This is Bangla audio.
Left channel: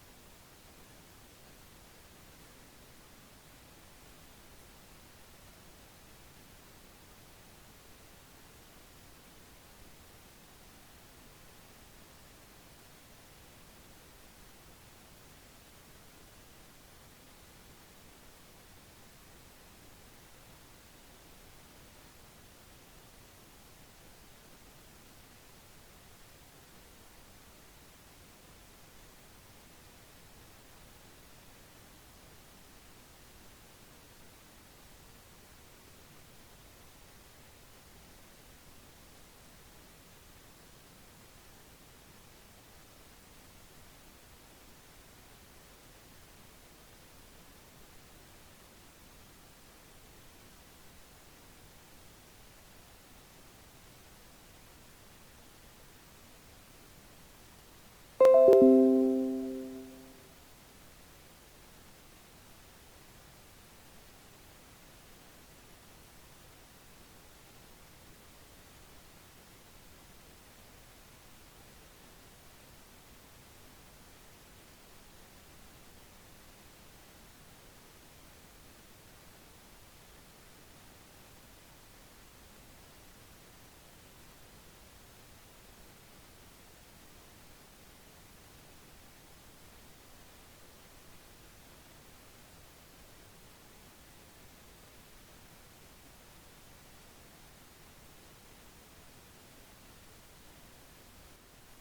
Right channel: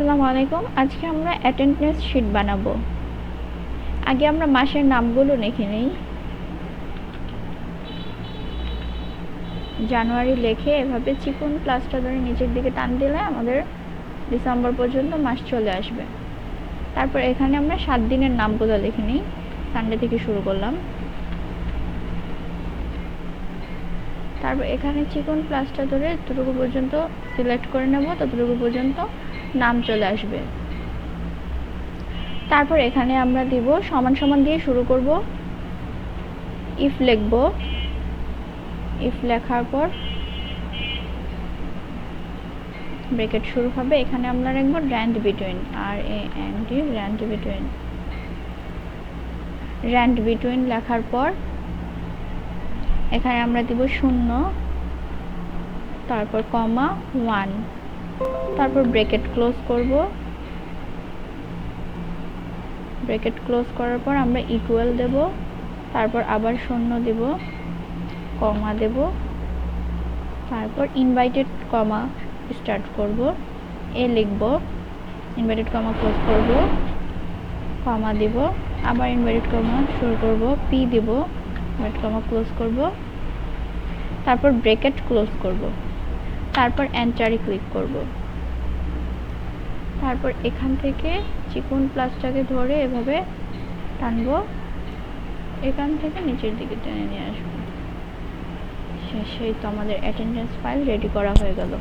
আসসালামু আলাইকুম। আজকে আমরা অ্যাটেন্ডেন্স শিট বানাবো। আগে আমরা মাসের নামগুলো লিখে নিই। জানুয়ারি লিখে এভাবে চিকন প্লাসটা ধরে নিচের দিকে টান দিলে আমাদের ডিসেম্বর পর্যন্ত মাস চলে আসবে। তারপর এখানে আমরা সাত দিনের নামগুলো লিখে নিই। সানডে থেকে শুরু করলাম। তারপর এখানে চিকন প্লাসটা ধরে যতটুকু পর্যন্ত সিলেক্ট করে নেব, ততটুকু পর্যন্ত নাম চলে আসবে। তারপর এখানে আমরা দিব সমান সমান দিয়ে শুরু করব। ইফ লিখব। ইফ লেখার পর ব্রেকেট শুরু হবে। এখানে আমরা লিখব rand between R A N D rand between rand between লেখার পর এখানে আমরা দিব শূন্য, তারপর কমা ওয়ান তারপর ব্রেকেট ক্লোজ করব। ব্রেকেট ক্লোজ করার পর আমরা ইকুয়াল দেব। তারপর আবার শূন্য দেব, কমা দেব। তারপর ইনভাইটেড কমা স্টার্ট করব। এ লিখব ইনভাইটেড কমা ক্লোজ করব কমা দেব। আবার ইনভাইটেড কমা শুরু করব পি দেব ইনভাইটেড কমা ক্লোজ করব। তারপর ব্রেকেট ক্লোজ করব। তারপর এন্টারে ক্লিক করব। তারপর এখান থেকে চিকন প্লাসটাকে ধরে এভাবে টানবো। এখান থেকে নিচের দিকে টেনে নিয়ে আসব। শেষেই তো আমাদের অ্যাটেন্ডেন্স ফাইল রেডি করা হয়ে গেল।